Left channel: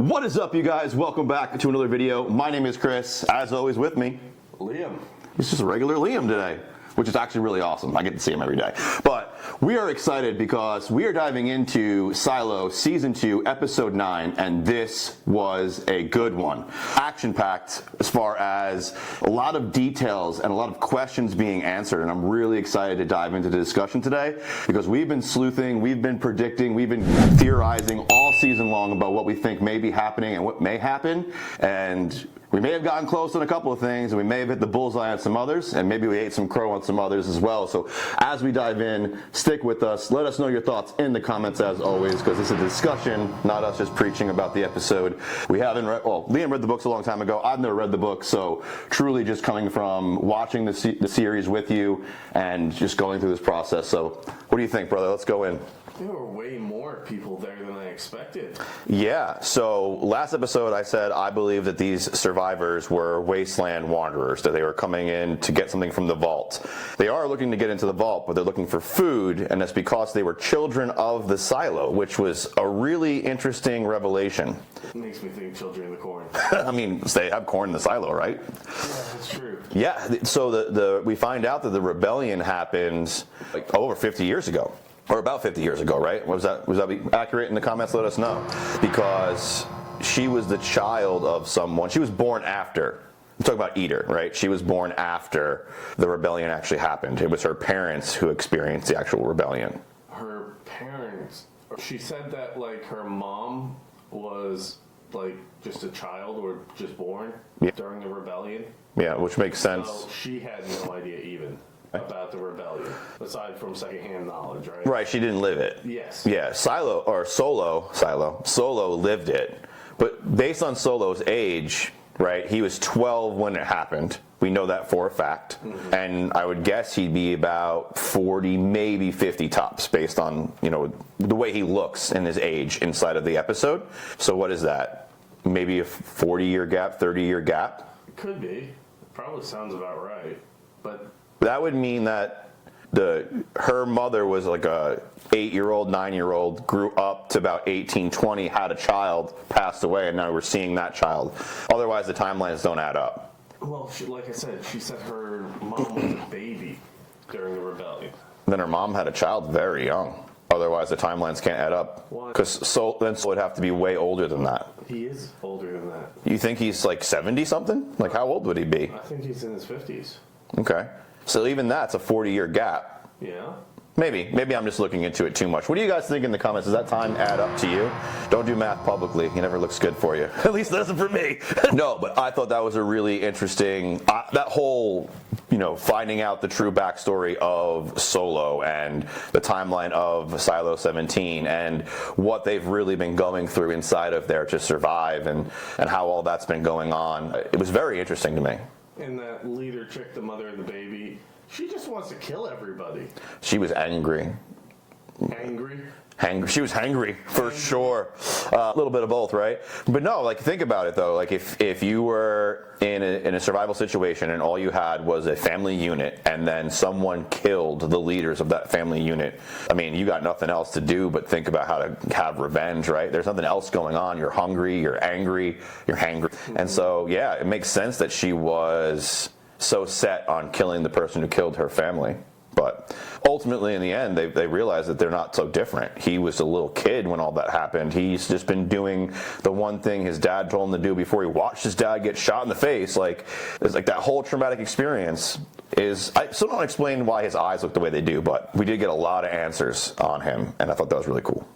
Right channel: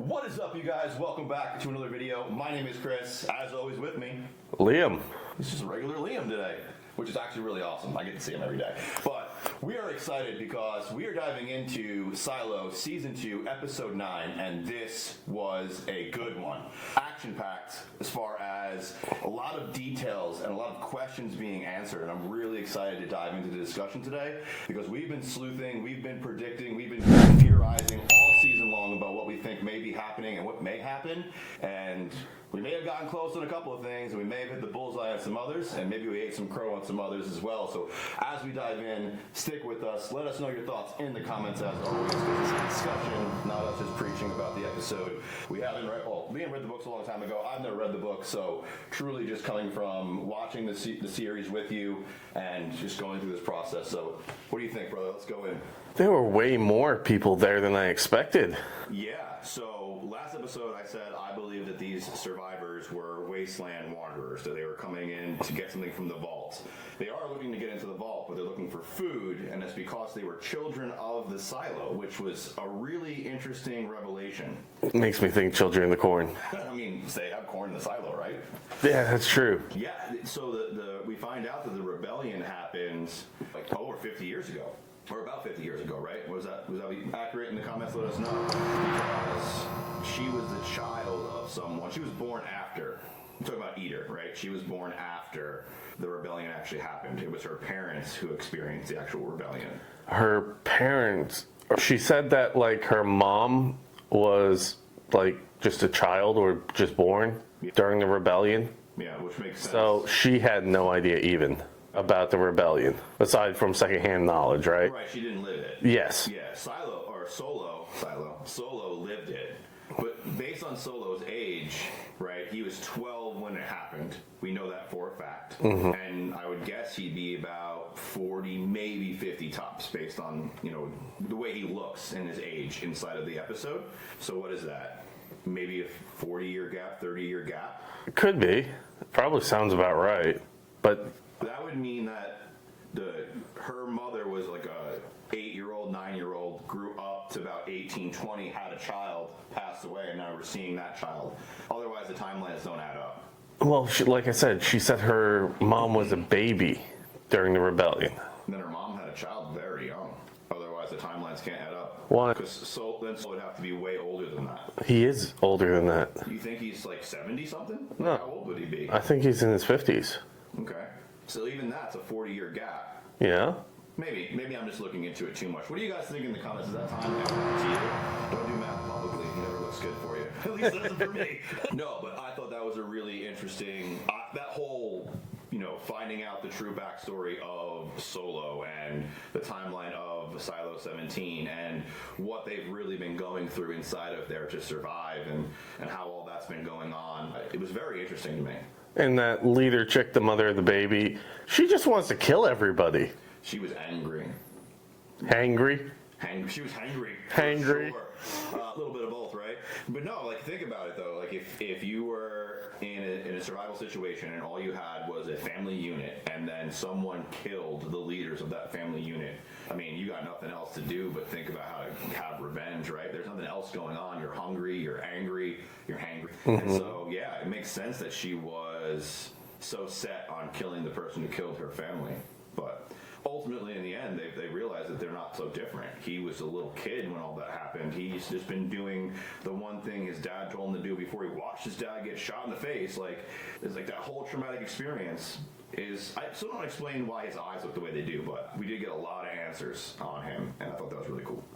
What is up, you guys? Welcome back to another video. My name is Chris. As always, with me, Liam. It's just a regular Liam today, which is actually really awesome. I get to see him every day. But we are excited because we are diving into Silo Season 2, Episode 9, and this was a good one. Action-packed as far as a lot of details and a lot of questions being answered, and I'm really excited to dive into the discussion today because we've been sleuthing, we've been predicting, we've been theorizing all season long about what we think may be happening and what may happen, and we may have gotten close on a couple of things, and we may have hit the bullseye on some others, and maybe we ate some crow on some others as well. So as we dive in, stick with us. Let us know your thoughts in the comments as always, because it's a discussion, not us just preaching about the episode. We haven't read, well, Liam read the books a long time ago. I've never read the book, so truly just coming from watching the series with you and just going through this process. So what do you think, brother? Let's go in. There were way more people there than I expected. Yeah, so last episode I said I believe that these survivors were Wasteland wanderers, that they were coming in to get something from the vault. They are looking to get into the vault, but they're looking for food, and that's because they were children of the silo, which was a really interesting revelation. It makes me think children in the corn. I mean, they have corn in the silo, right? Yeah, that's true. Yeah, so we find out that the rebellion happened like over 50 years ago. Or about 50 years ago, right? Was that accurate in the comments? Let us know. Because she was the child of someone. She was born after. I'm talking about Eater, right? She was born after the rebellion actually happened. It was her parents who experienced the actual rebellion. Her parents, she said that like her mom was like just a child or just born during the rebellion. Yeah, which makes sense. So she had no idea even about the rebellion, aside from secondhand knowledge, right? Right, she didn't live it. Yes. Yeah, Solo lived it. But based on Solo's age, right, he was 12 when it happened. We know that for a fact. Mm-hmm. And I would guess he'd be about 40, maybe 50 tops, based on, you know, the way he looks and his age inside of the episode. So what is that? Maybe a 40-year gap, 30-year gap? It could be. Probably sounds about right. But that would mean that her mother was like a 8-year-old, 9-year-old, grew up to about 18, 20, had a child, passed away, and now we're seeing that child. Otherwise, the timelines don't add up. Well, like I said, she said her mom was a baby during the rebellion. Then her mom had a child very young. Otherwise, the timelines can't add up. Why? Because Sol would have to be way older than that. He is older than that. You think he's like 70-something? Like, how old would he be? I think he's in his 50s. Okay. So even that's a 40-year gap. Yeah. Maybe I'm just looking into it too much. What do you guys think in the comments? Does that time add up to you? Don't do math publicly. It never looks good for you. At least it doesn't for me. No, but I thought that was a really interesting, that whole, you know, finding out the true backstory of Solo and the timeline of Silo 17 and what they've really been going through inside of there to survive and how all that's been going on. It was very interesting to me. And that leader chick, the mother of the baby, she just wants to kill everybody. She was angry. Angry? She was hangry, for sure. A little bit of both, right? But no, like, think about it, though. Like, if you were in a survival situation and all you had was a family unit and then someone killed the leaders of that family unit, I mean, you got nothing else to do but think about how to have revenge, right? There's nothing else going on. You're hungry, you're angry, you're hangry. Mm-hmm. And so, yeah, it makes sense that she was so set on killing the person who killed her family. But ultimately, in the end, they realize that they're not so different. He was a little kid when all that happened. He's just been doing the one thing his dad told him to do before he watched his dad get shot in the face. Like, it's like that whole traumatic experience is... I still don't explain why his eyes look the way they do, but we did get a lot of answers on him, and I thought that was really cool.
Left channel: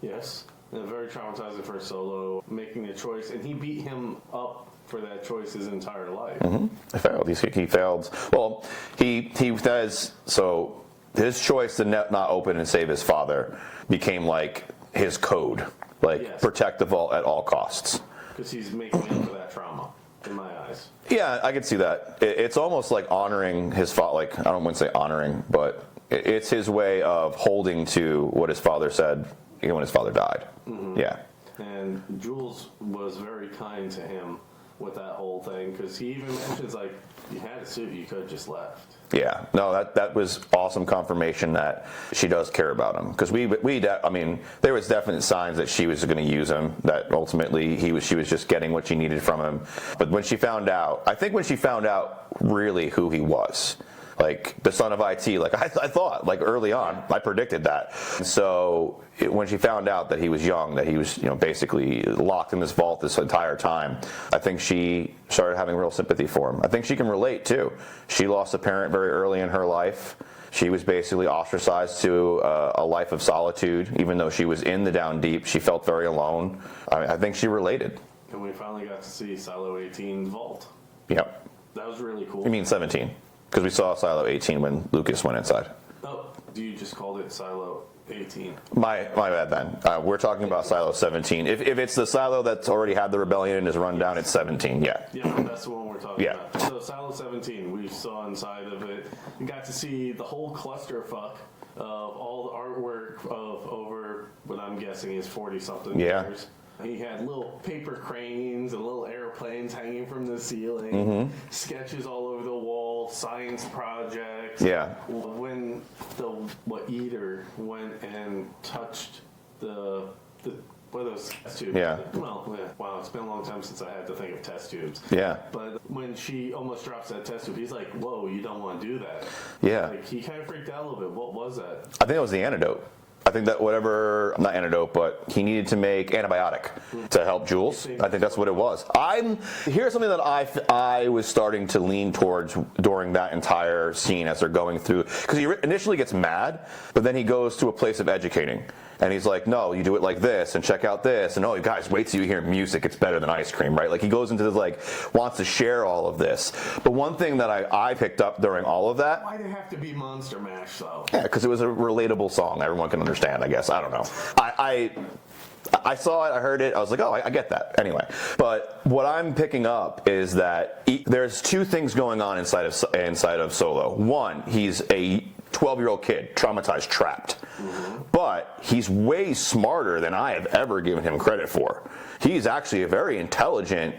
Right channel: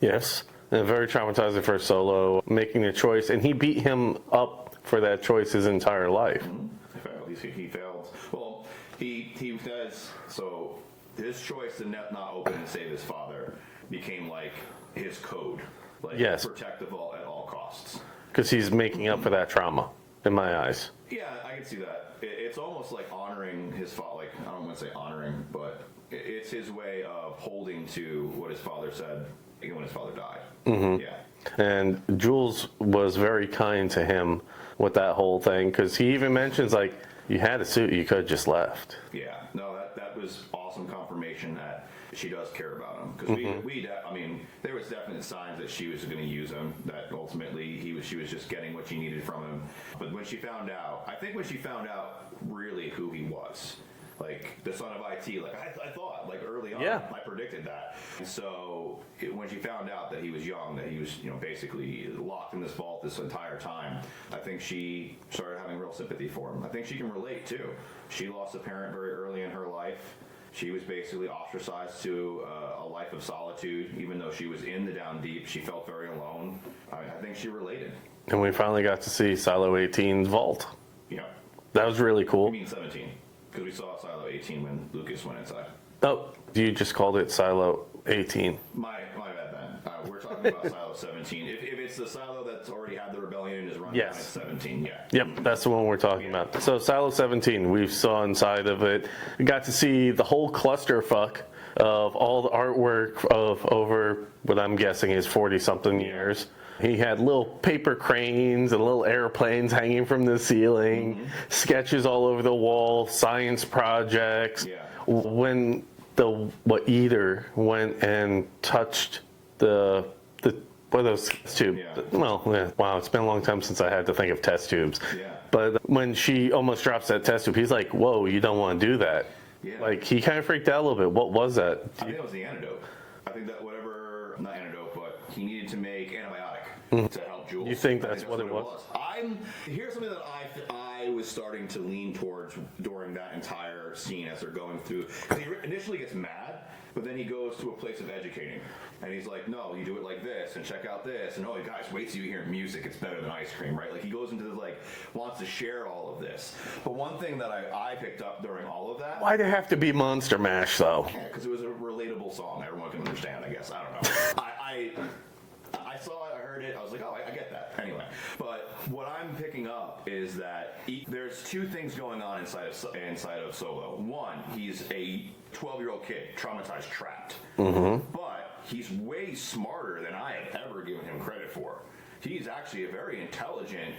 Yes, and very traumatizing for Solo, making a choice, and he beat him up for that choice his entire life. Mm-hmm. He failed. He failed. Well, he does. So his choice to not open and save his father became like his code. Like, yes, protect the vault at all costs. Because he's making up for that trauma, in my eyes. Yeah, I can see that. It's almost like honoring his father. Like, I don't want to say honoring, but it's his way of holding to what his father said even when his father died. Mm-hmm. Yeah. And Jules was very kind to him with that whole thing, because he even mentions, like, you had a suit, you could have just left. Yeah, no, that was awesome confirmation that she does care about him. Because I mean, there was definite signs that she was going to use him. That ultimately she was just getting what she needed from him. But when she found out, I think when she found out really who he was, like the son of IT, like I thought, like early on, I predicted that. So when she found out that he was young, that he was, basically locked in this vault this entire time, I think she started having real sympathy for him. I think she can relate too. She lost a parent very early in her life. She was basically ostracized to a life of solitude. Even though she was in the down deep, she felt very alone. I think she related. And we finally got to see Silo 18's vault. Yep. That was really cool. You mean 17? Because we saw Silo 18 when Lucas went inside. Oh, you just called it Silo 18. My bad then. We're talking about Silo 17. If it's the Silo that's already had the rebellion and is run down, it's 17. Yeah. Yep, that's the one we're talking about. So Silo 17, we saw inside of it. We got to see the whole clusterfuck of all the artwork of over what I'm guessing is 40-something years. He had little paper cranes and little airplanes hanging from the ceiling, sketches all over the wall, science projects. Yeah. When Eater went and touched what are those test tubes? Yeah. Well, wow, it's been a long time since I had to think of test tubes. Yeah. But when she almost drops that test tube, he's like, whoa, you don't want to do that. Yeah. Like, he kind of freaked out a little bit. What was that? I think it was the antidote. I think that not antidote, but he needed to make antibiotic to help Jules. I think that's what it was. Here's something that I was starting to lean towards during that entire scene as they're going through, because he initially gets mad, but then he goes to a place of educating. And he's like, no, you do it like this, and check out this, and oh, guys, wait till you hear music, it's better than ice cream, right? Like, he goes into this, like, wants to share all of this. But one thing that I picked up during all of that... Why'd it have to be Monster Mash, though? Yeah, because it was a relatable song. Everyone can understand, I guess. I don't know. I saw it, I heard it, I was like, oh, I get that. Anyway, but what I'm picking up is that there's two things going on inside of Solo. One, he's a 12-year-old kid, traumatized, trapped. But he's way smarter than I have ever given him credit for. He's actually a very intelligent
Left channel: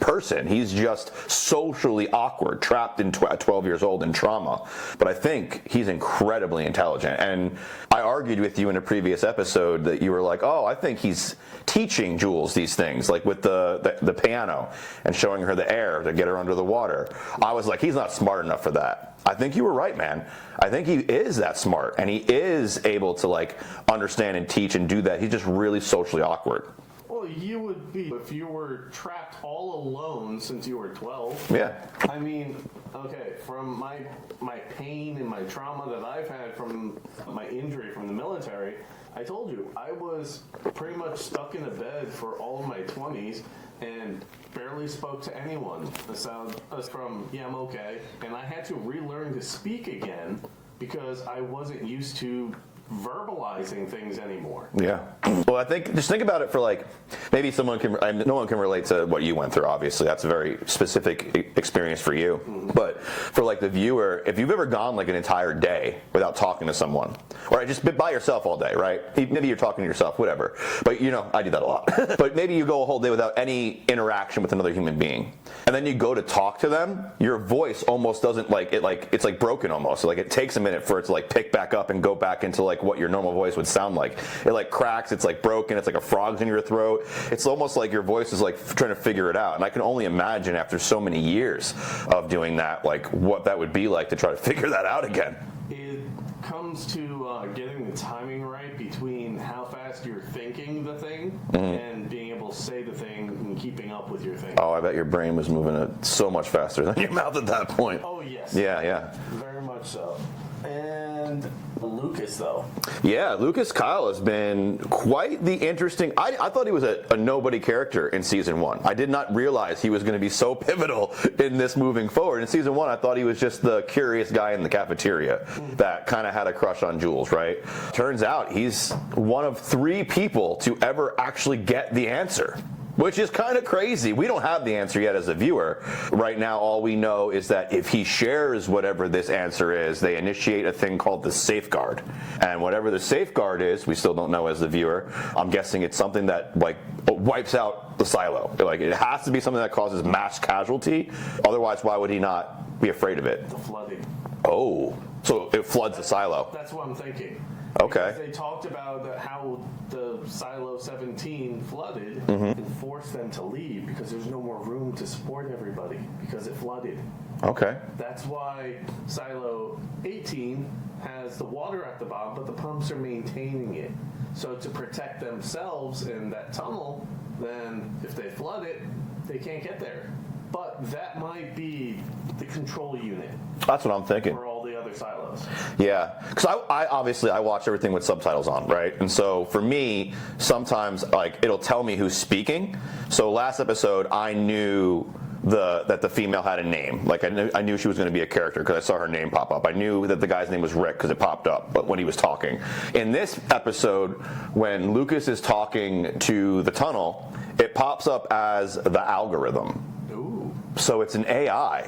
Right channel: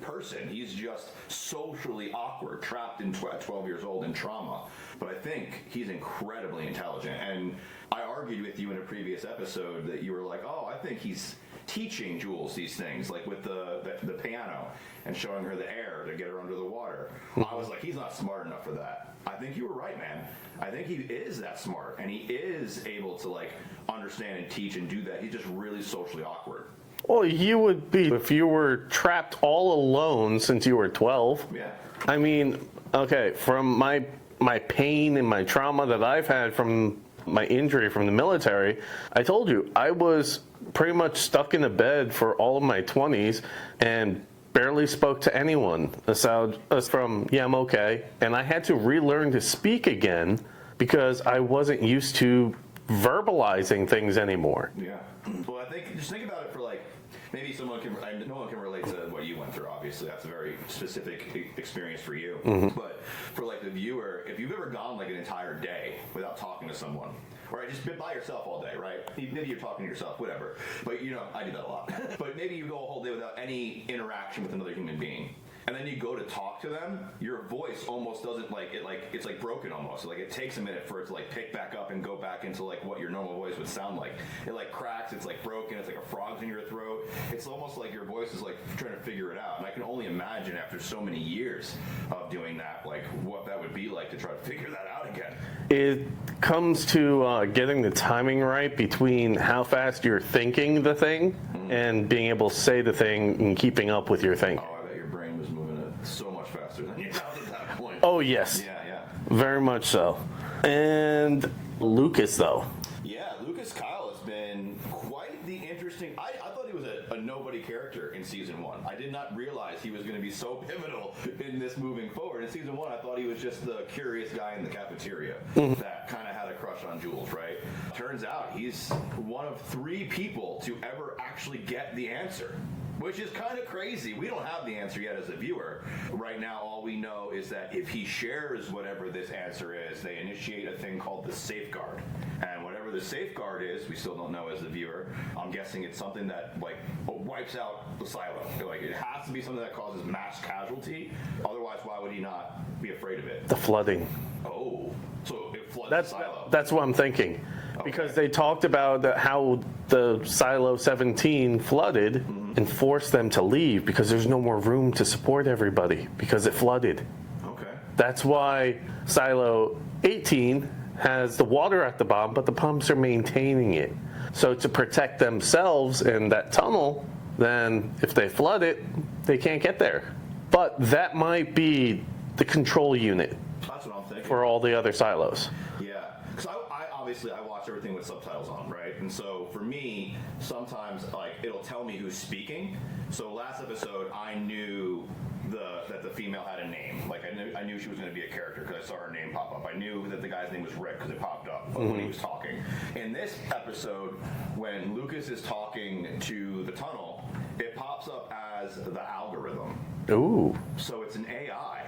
person. He's just socially awkward, trapped at 12 years old in trauma. But I think he's incredibly intelligent. And I argued with you in a previous episode that you were like, oh, I think he's teaching Jules these things, like with the piano and showing her the air to get her under the water. I was like, he's not smart enough for that. I think you were right, man. I think he is that smart, and he is able to, like, understand and teach and do that. He's just really socially awkward. Well, you would be if you were trapped all alone since you were 12. Yeah. I mean, okay, from my pain and my trauma that I've had from my injury from the military, I told you, I was pretty much stuck in a bed for all of my 20s and barely spoke to anyone aside from, yeah, I'm okay. And I had to relearn to speak again because I wasn't used to verbalizing things anymore. Yeah. Well, I think, just think about it for, like, maybe no one can relate to what you went through, obviously. That's a very specific experience for you. But for, like, the viewer, if you've ever gone, like, an entire day without talking to someone, or just by yourself all day, right? Maybe you're talking to yourself, whatever. But, I do that a lot. But maybe you go a whole day without any interaction with another human being. And then you go to talk to them, your voice almost doesn't, it's like broken almost. So, like, it takes a minute for it to, like, pick back up and go back into, like, what your normal voice would sound like. It, like, cracks, it's, like, broken, it's like a frog's in your throat. It's almost like your voice is, like, trying to figure it out. And I can only imagine after so many years of doing that, like, what that would be like to try to figure that out again. It comes to getting the timing right between how fast you're thinking the thing and being able to say the thing and keeping up with your thinking. Oh, I bet your brain was moving so much faster than your mouth at that point. Oh, yes. Yeah. Very much so. And Lucas, though. Yeah, Lucas Kyle has been quite the interesting... I thought he was a nobody character in Season 1. I did not realize he was going to be so pivotal in this moving forward. In Season 1, I thought he was just the curious guy in the cafeteria that kind of had a crush on Jules, right? Turns out he's one of 3 people to ever actually get the answer. Which is kind of crazy. We don't have the answer yet as a viewer. Right now, all we know is that if he shares whatever this answer is, they initiate a thing called the safeguard. And whatever the safeguard is, we still don't know as the viewer. I'm guessing it's something that like wipes out the silo. Like it has to be something that causes mass casualty. Otherwise, why would he not be afraid of it? The flooding. Oh, so it floods the silo. That's what I'm thinking. Okay. Because they talked about how the Silo 17 flooded and forced them to leave because there's no more room to support everybody because it flooded. Okay. That's why Silo 18 has the water at the bottom, but the pumps are maintaining it. So to protect themselves in that tunnel, then if they flood it, they can't get there. But that might be the control unit. That's what I'm thinking. For all the other silos. Yeah, because I obviously I watch everything with subtitles on, right? And so for me, sometimes like it'll tell me who's speaking. So last episode, I knew that the female had a name. Like I knew she was going to be a character because I saw her name pop up. I knew that the guy's name was Rick because it popped up, but when he was talking. In this episode, when Lucas is talking to the tunnel, it pops up as the algorithm. Ooh. So it's an AI.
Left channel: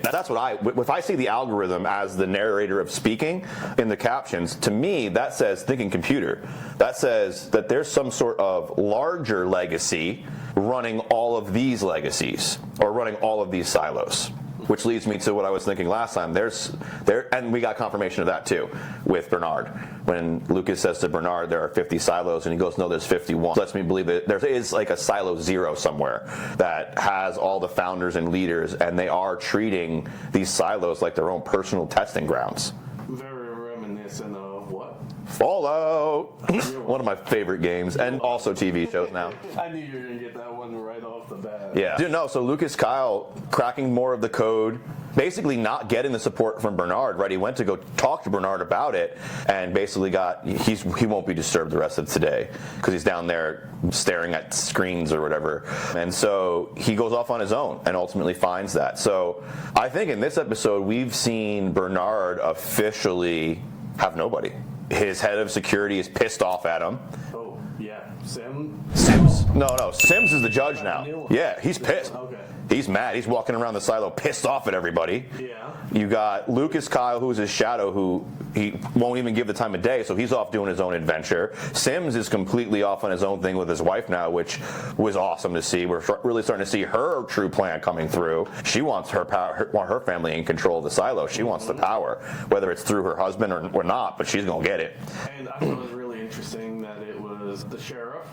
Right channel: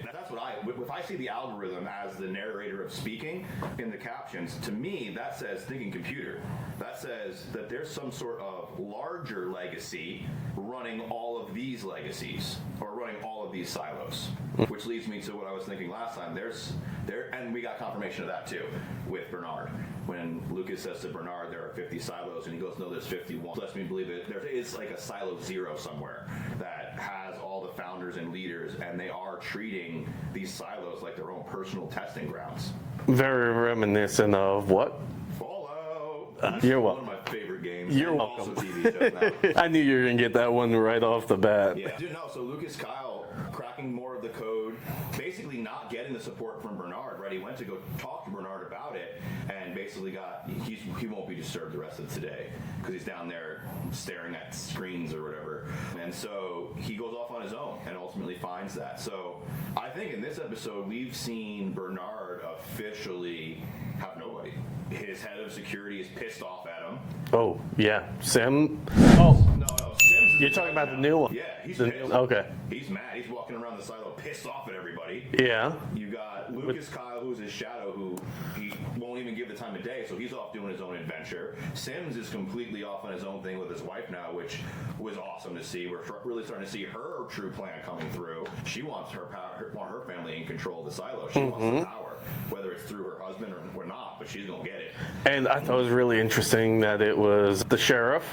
That's what if I see the algorithm as the narrator of speaking in the captions, to me that says thinking computer. That says that there's some sort of larger legacy running all of these legacies or running all of these silos. Which leads me to what I was thinking last time. And we got confirmation of that too with Bernard. When Lucas says to Bernard there are 50 silos and he goes, no, there's 51. Lets me believe that there is like a silo 0 somewhere that has all the founders and leaders, and they are treating these silos like their own personal testing grounds. Very reminiscent of what? Fallout. One of my favorite games, and also TV shows now. I knew you were going to get that one right off the bat. Yeah. No, so Lucas Kyle cracking more of the code, basically not getting the support from Bernard, right? He went to go talk to Bernard about it and basically he won't be disturbed the rest of today because he's down there staring at screens or whatever. And so he goes off on his own and ultimately finds that. So I think in this episode, we've seen Bernard officially have nobody. His head of security is pissed off at him. Oh, yeah. Sims. No, Sims is the judge now. The new one. Yeah, he's pissed. Okay. He's mad. He's walking around the silo pissed off at everybody. Yeah. You got Lucas Kyle, who's his shadow, who he won't even give the time of day, so he's off doing his own adventure. Sims is completely off on his own thing with his wife now, which was awesome to see. We're really starting to see her true plan coming through. She wants her power, her family in control of the silo. She wants the power, whether it's through her husband or not, but she's going to get it. And I thought it was really interesting that it was the sheriff,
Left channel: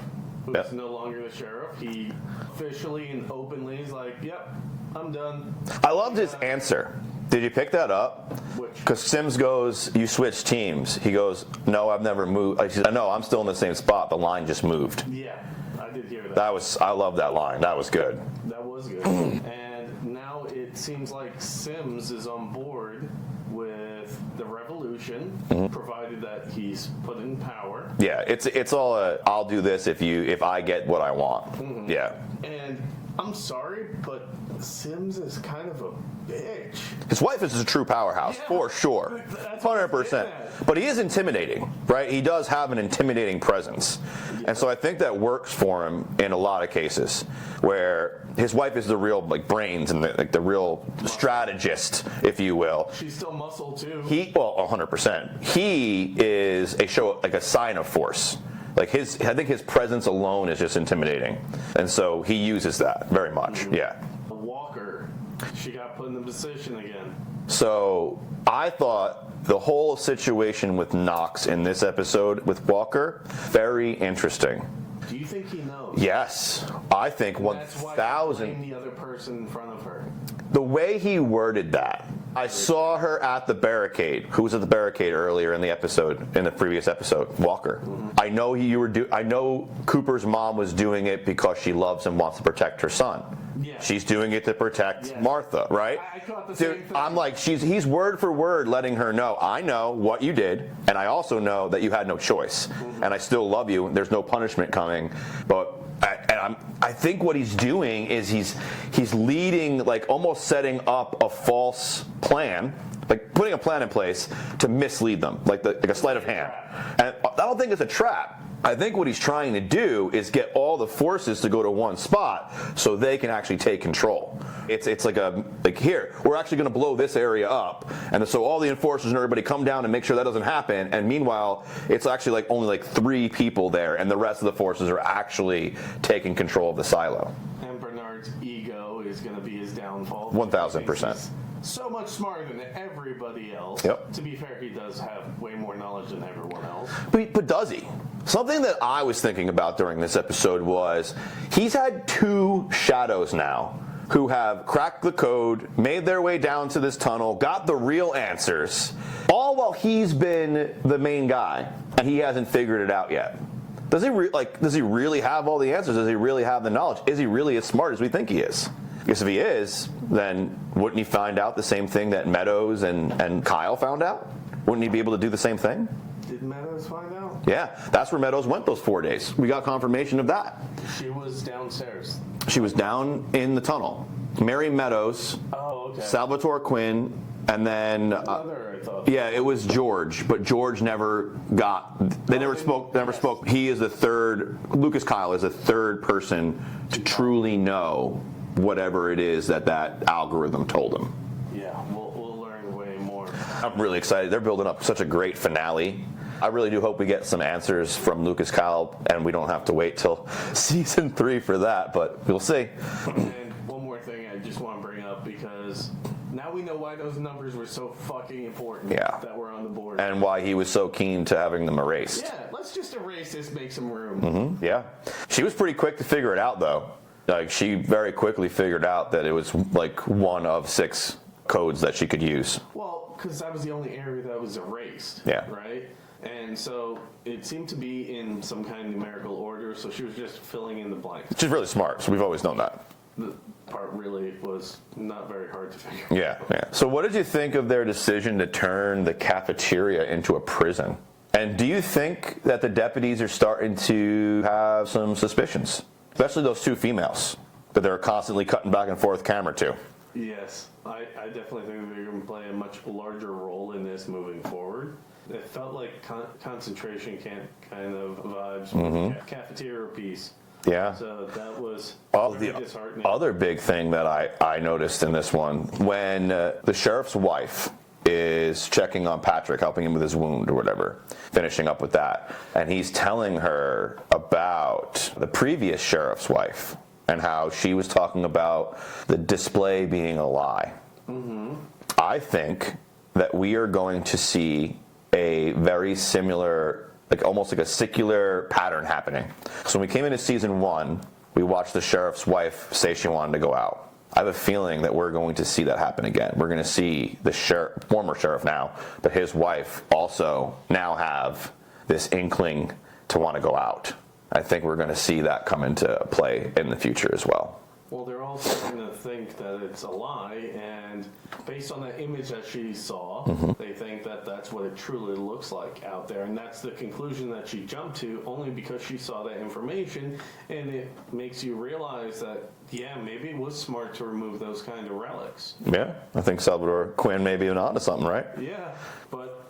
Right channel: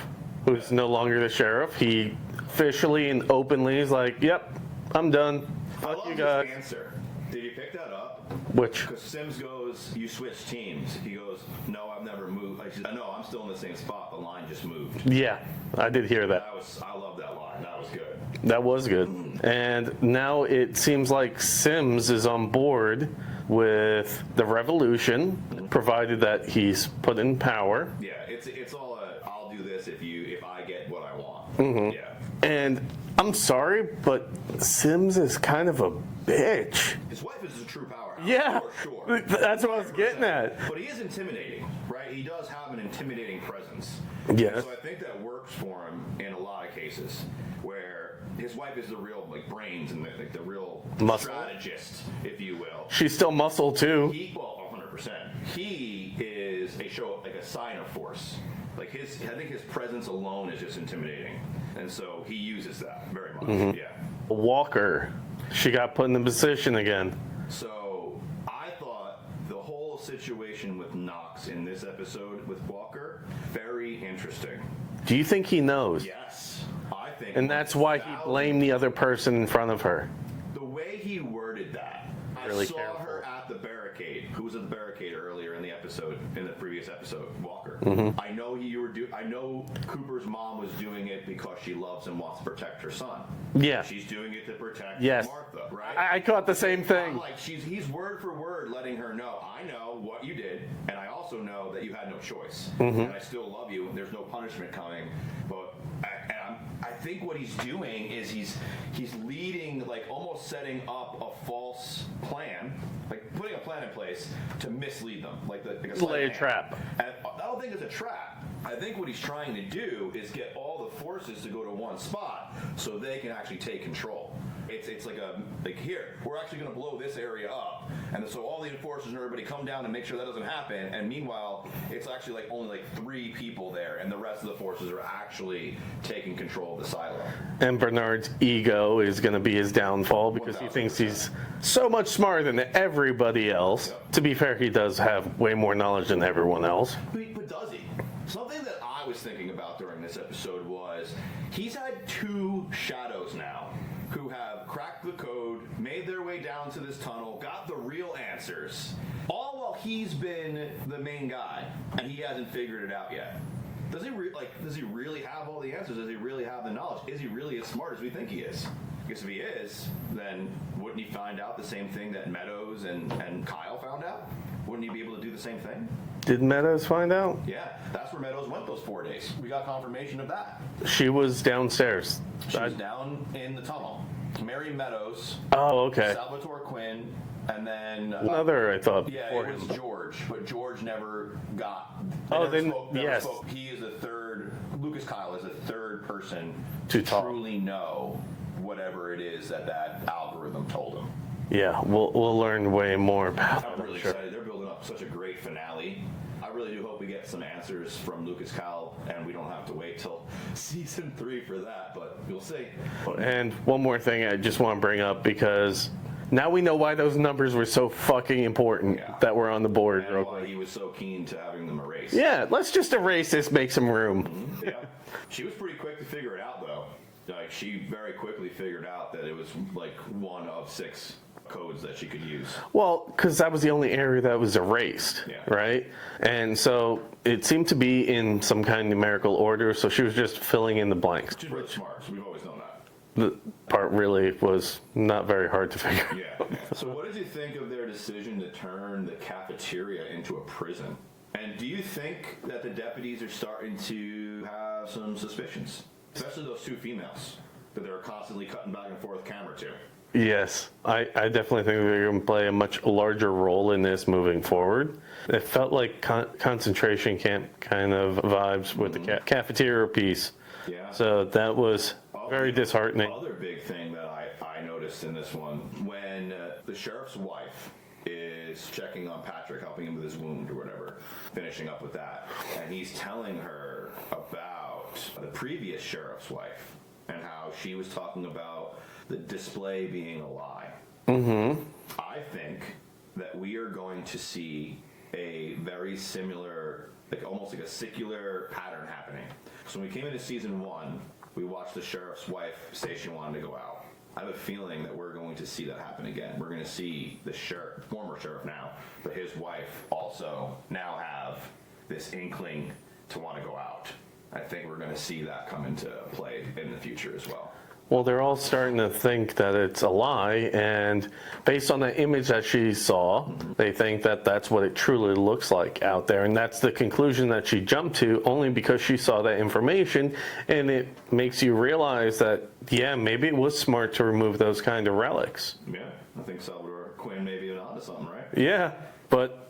who's no longer the sheriff. He officially and openly is like, yep, I'm done. I loved his answer. Did you pick that up? Which? Because Sims goes, you switched teams. He goes, no, I've never moved. He said, no, I'm still in the same spot. The line just moved. Yeah, I did hear that. I love that line. That was good. That was good. And now it seems like Sims is on board with the revolution, provided that he's put in power. Yeah, it's all I'll do this if I get what I want. Yeah. And I'm sorry, but Sims is kind of a bitch. His wife is a true powerhouse, for sure. That's what I'm getting at. But he is intimidating, right? He does have an intimidating presence. Yeah. And so I think that works for him in a lot of cases where his wife is the real brains and the real strategist, if you will. She's still muscle too. 100%. He is a sign of force. I think his presence alone is just intimidating, and so he uses that very much. Yeah. Walker, she got put in the position again. So I thought the whole situation with Knox in this episode with Walker, very interesting. Do you think he knows? Yes, I think. And that's why he blamed the other person in front of her. The way he worded that. I saw her at the barricade. Who was at the barricade earlier in the previous episode? Walker. I know I know Cooper's mom was doing it because she loves and wants to protect her son. Yeah. She's doing it to protect Martha, right? I caught the same thing. I'm like, he's word for word letting her know, I know what you did, and I also know that you had no choice, and I still love you. There's no punishment coming, but I think what he's doing is he's leading, almost setting up a false plan, putting a plan in place to mislead them, like a sleight of hand. Trap. And I don't think it's a trap. I think what he's trying to do is get all the forces to go to one spot so they can actually take control. It's like here, we're actually going to blow this area up, and so all the enforcers and everybody come down and make sure that doesn't happen. And meanwhile, it's actually like only like 3 people there, and the rest of the forces are actually taking control of the silo. And Bernard's ego is going to be his downfall. 1,000%. He's so much smarter than everybody else. Yep. To be fair, he does have way more knowledge than everyone else. But does he? Something that I was thinking about during this episode was he's had 2 shadows now who have cracked the code, made their way down to this tunnel, got the real answers, all while he's been the main guy and he hasn't figured it out yet. Does he really have all the answers? Does he really have the knowledge? Is he really as smart as we think he is? Because if he is, then wouldn't he find out the same thing that Meadows and Kyle found out? Wouldn't he be able to do the same thing? Did Meadows find out? Yeah, that's where Meadows went those 4 days. We got confirmation of that. She was downstairs. She was down in the tunnel. Mary Meadows, Oh, okay. Salvatore Quinn, and then Another, I thought. yeah, it was George, but George never got. They never spoke. Never yes. spoke. He is the third. Lucas Kyle is the third person to truly know whatever it is that algorithm told him. Yeah, we'll learn way more. I'm really excited. They're building up such a great finale. I really do hope we get some answers from Lucas Kyle, and we don't have to wait till season 3 for that, but we'll see. And one more thing I just want to bring up, because now we know why those numbers were so fucking important that were on the board. And why he was so keen to having them erased. Yeah, let's just erase this, make some room. Mm-hmm. Yeah. She was pretty quick to figure it out, though. Like, she very quickly figured out that it was like one of 6 codes that she could use. Well, because that was the only area that was erased, right? And so it seemed to be in some kind of numerical order, so she was just filling in the blanks. She's really smart, so we've always known that. The part really was not very hard to figure out. Yeah. So what did you think of their decision to turn the cafeteria into a prison? And do you think that the deputies are starting to have some suspicions? Especially those 2 females that they're constantly cutting back and forth camera to. Yes, I definitely think they're going to play a much larger role in this moving forward. It felt like concentration camp kind of vibes with the cafeteria piece. Yeah. So that was very disheartening. Other big thing that I noticed in this one, when the sheriff's wife is checking on Patrick, helping him with his wound or whatever, finishing up with that, and he's telling her about the previous sheriff's wife and how she was talking about the display being a lie. Mm-hmm. I think that we are going to see a very similar, like almost like a secular pattern happening. So when we came into season 1, we watched the sheriff's wife say she wanted to go out. I have a feeling that we're going to see that happen again. We're going to see the former sheriff now, but his wife also now have this inkling to want to go out. I think we're going to see that come into play in the future as well. Well, they're all starting to think that it's a lie, and based on the image that she saw, they think that that's what it truly looks like out there, and that's the conclusion that she jumped to only because she saw that information, and it makes you realize that, yeah, maybe it was smart to remove those kind of relics. Yeah, I think Salvatore Quinn may be onto something, right? Yeah, but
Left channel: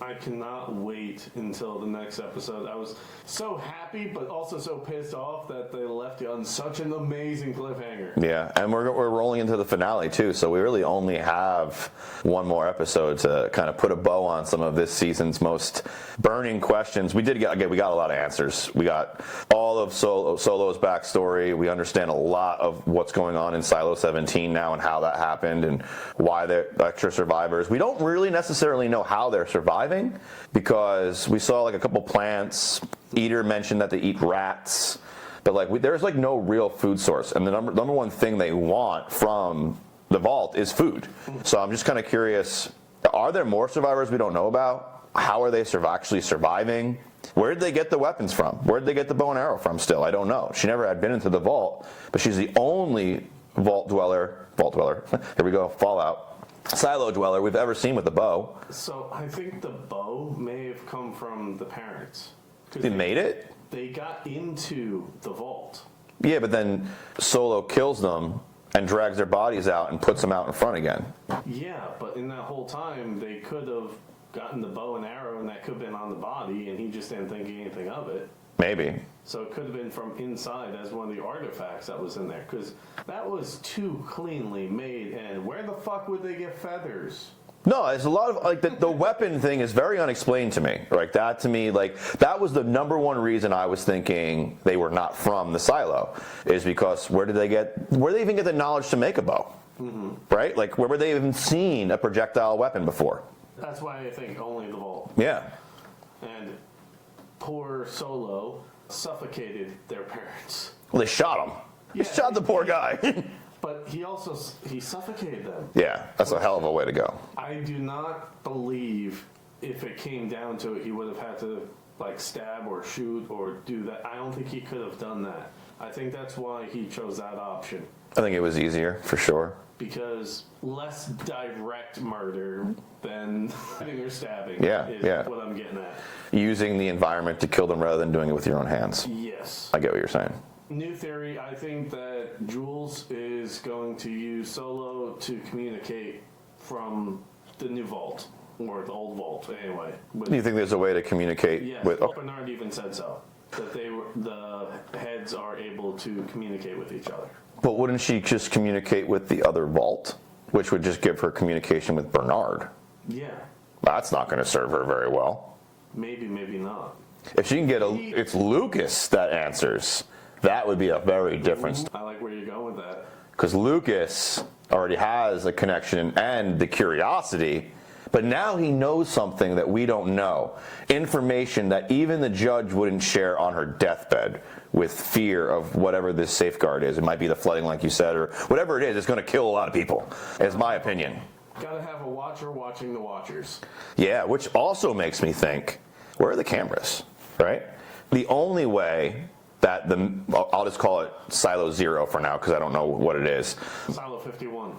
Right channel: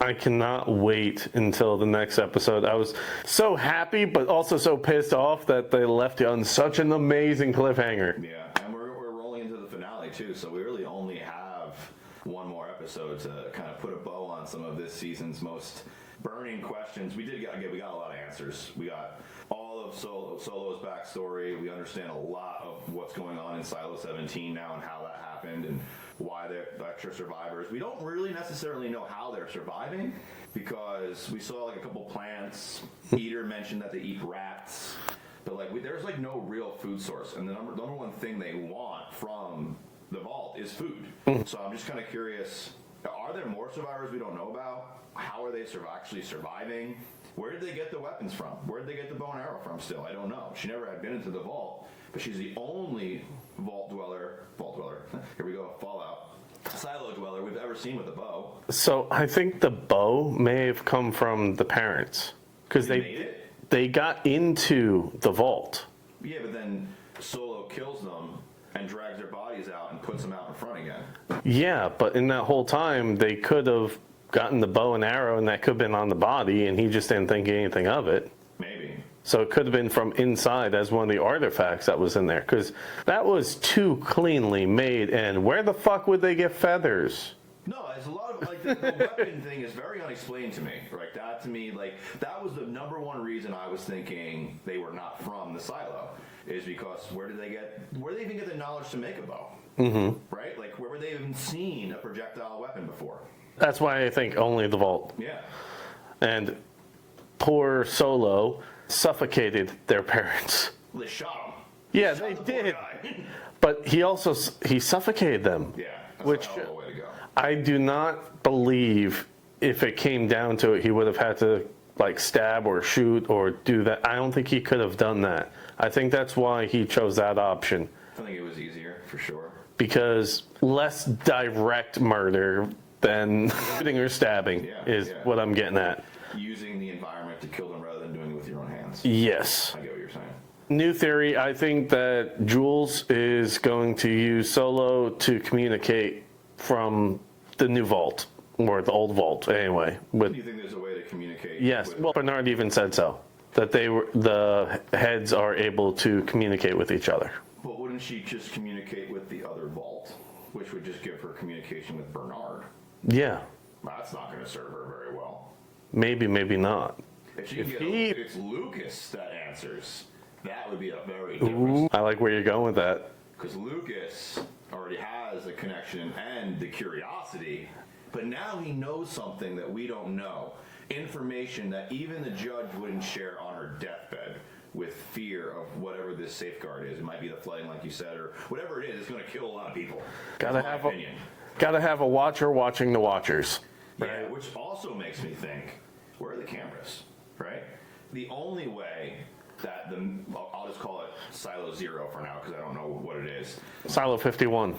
I cannot wait until the next episode. I was so happy, but also so pissed off that they left you on such an amazing cliffhanger. Yeah, and we're rolling into the finale too, so we really only have one more episode to kind of put a bow on some of this season's most burning questions. We got a lot of answers. We got all of Solo's backstory. We understand a lot of what's going on in Silo 17 now and how that happened and why they're extra survivors. We don't really necessarily know how they're surviving because we saw like a couple plants. Eater mentioned that they eat rats, but there's like no real food source. And the number one thing they want from the vault is food. So I'm just kind of curious, are there more survivors we don't know about? How are they actually surviving? Where did they get the weapons from? Where did they get the bow and arrow from still? I don't know. She never had been into the vault, but she's the only vault dweller, here we go, Fallout, silo dweller we've ever seen with a bow. So I think the bow may have come from the parents. Because They made it? They got into the vault. Yeah, but then Solo kills them and drags their bodies out and puts them out in front again. Yeah, but in that whole time, they could have gotten the bow and arrow, and that could have been on the body, and he just didn't think anything of it. Maybe. So it could have been from inside as one of the artifacts that was in there, because that was too cleanly made. And where the fuck would they get feathers? No, there's a lot of, like, the weapon thing is very unexplained to me. Like, that to me, like, that was the number one reason I was thinking they were not from the silo, is because where did they even get the knowledge to make a bow? Mm-hmm. Right? Like, where were they even seen a projectile weapon before? That's why I think only the vault. Yeah. And poor Solo suffocated their parents. Well, they shot him. Yeah, They shot the poor guy. But he suffocated them. Yeah, that's a hell of a way to go. I do not believe if it came down to it, he would have had to like stab or shoot or do that. I don't think he could have done that. I think that's why he chose that option. I think it was easier, for sure. Because less direct murder than shooting or stabbing is what I'm getting at. Using the environment to kill them rather than doing it with your own hands. Yes. I get what you're saying. New theory, I think that Jules is going to use Solo to communicate from the new vault, or the old vault, anyway. Do you think there's a way to communicate? Yes, Bernard even said so, that the heads are able to communicate with each other. But wouldn't she just communicate with the other vault, which would just give her communication with Bernard? Yeah. That's not going to serve her very well. Maybe, maybe not. If she can it's Lucas that answers. That would be a very different. I like where you're going with that. Because Lucas already has a connection and the curiosity, but now he knows something that we don't know. Information that even the judge wouldn't share on her deathbed, with fear of whatever this safeguard is. It might be the flooding, like you said, or whatever it is. It's going to kill a lot of people. That's my opinion. Gotta have a watcher watching the watchers. Yeah, which also makes me think, where are the cameras, right? The only way that I'll just call it Silo 0 for now because I don't know what it is. Silo 51.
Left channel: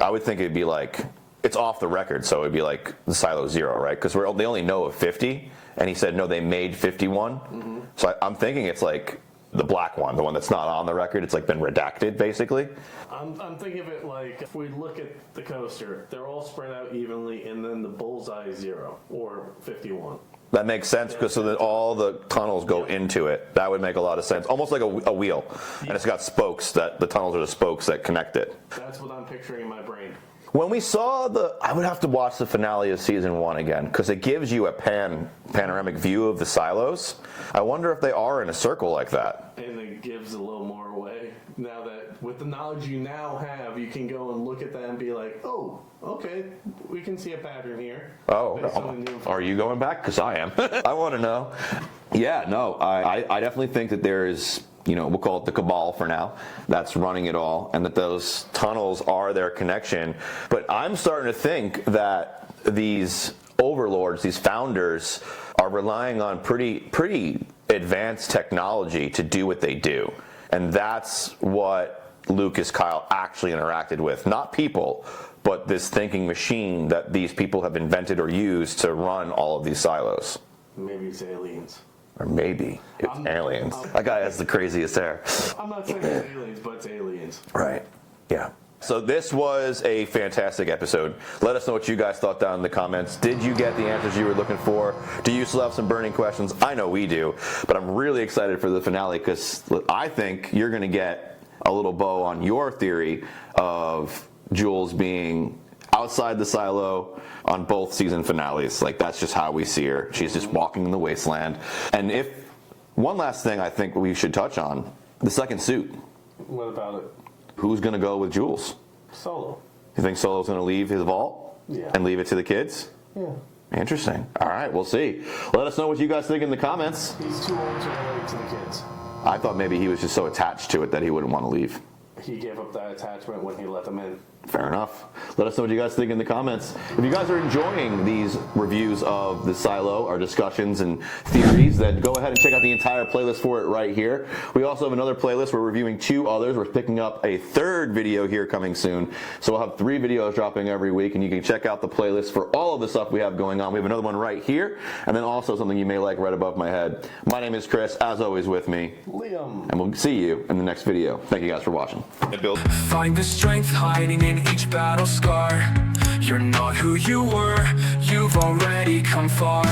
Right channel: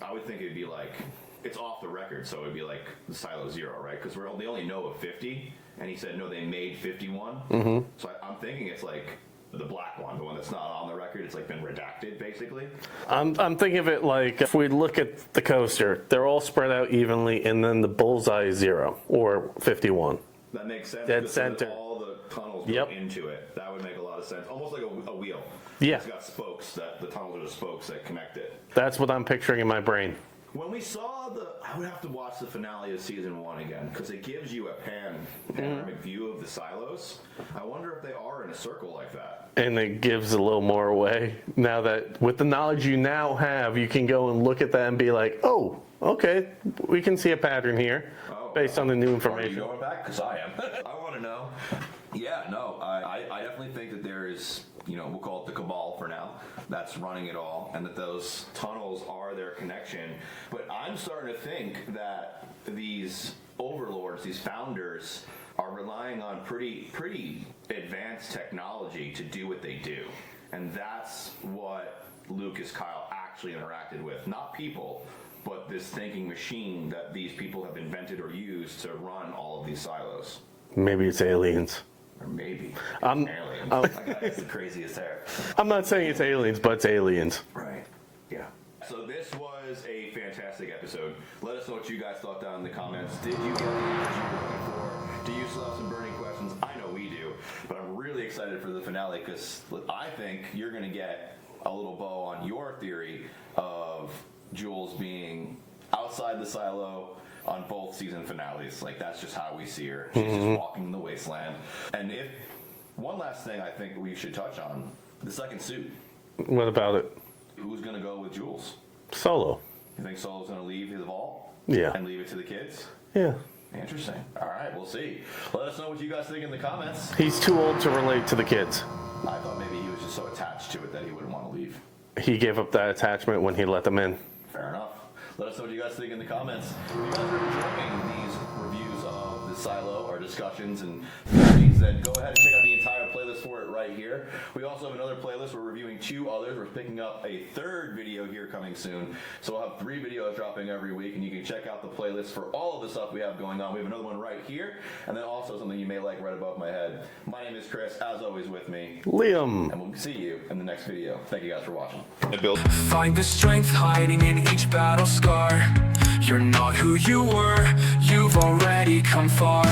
I would think it'd be like, it's off the record, so it'd be like the Silo 0, right? Because they only know of 50, and he said, no, they made 51. Mm-hmm. So I'm thinking it's like the black one, the one that's not on the record. It's like been redacted, basically. I'm thinking of it like, if we look at the coaster, they're all spread out evenly, and then the bullseye is 0, or 51. That makes sense because so that all the tunnels go into it. That would make a lot of sense. Almost like a wheel. Yeah. And it's got spokes, that the tunnels are the spokes that connect it. That's what I'm picturing in my brain. When we saw I would have to watch the finale of season 1 again because it gives you a panoramic view of the silos. I wonder if they are in a circle like that. And it gives a little more away. Now that with the knowledge you now have, you can go and look at that and be like, oh, okay, we can see a pattern here based on the new information. Are you going back? Because I am. I want to know. Yeah, no, I definitely think that there is, we'll call it the cabal for now, that's running it all, and that those tunnels are their connection. But I'm starting to think that these overlords, these founders, are relying on pretty advanced technology to do what they do. And that's what Lucas Kyle actually interacted with. Not people, but this thinking machine that these people have invented or used to run all of these silos. Maybe it's aliens. Or maybe it's aliens. That guy has the craziest hair. I'm not saying it's aliens, but it's aliens. Right. Yeah. So this was a fantastic episode. Let us know what you guys thought down in the comments. Did you get the answers you were looking for? Do you still have some burning questions? I know we do, but I'm really excited for the finale because I think you're going to get a little bow on your theory of Jules being outside the silo on both season finales. Like, that's just how we see her. She's just walking in the wasteland. And one last thing I think we should touch on, the second suit. What about it? Who's going to go with Jules? Solo. You think Solo's going to leave his vault? Yeah. And leave it to the kids? Yeah. Interesting. All right, we'll see. Let us know what you guys think in the comments. He's too old to relate to the kids. I thought maybe he was just so attached to it that he wouldn't want to leave. He gave up that attachment when he let them in. Fair enough. Let us know what you guys think in the comments. If you guys are enjoying these reviews of the Silo, our discussions and theories, then go ahead and check out the entire playlist for it right here. We also have another playlist. We're reviewing 2 others. We're picking up a 3rd video here coming soon. So we'll have 3 videos dropping every week, and you can check out the playlist for all of the stuff we have going on. We have another one right here, and then also something you may like right above my head. My name is Chris, as always with me, Liam. and we'll see you in the next video. Thank you guys for watching. Find the strength hiding in each battle scar. You're not who you were, you've already come far.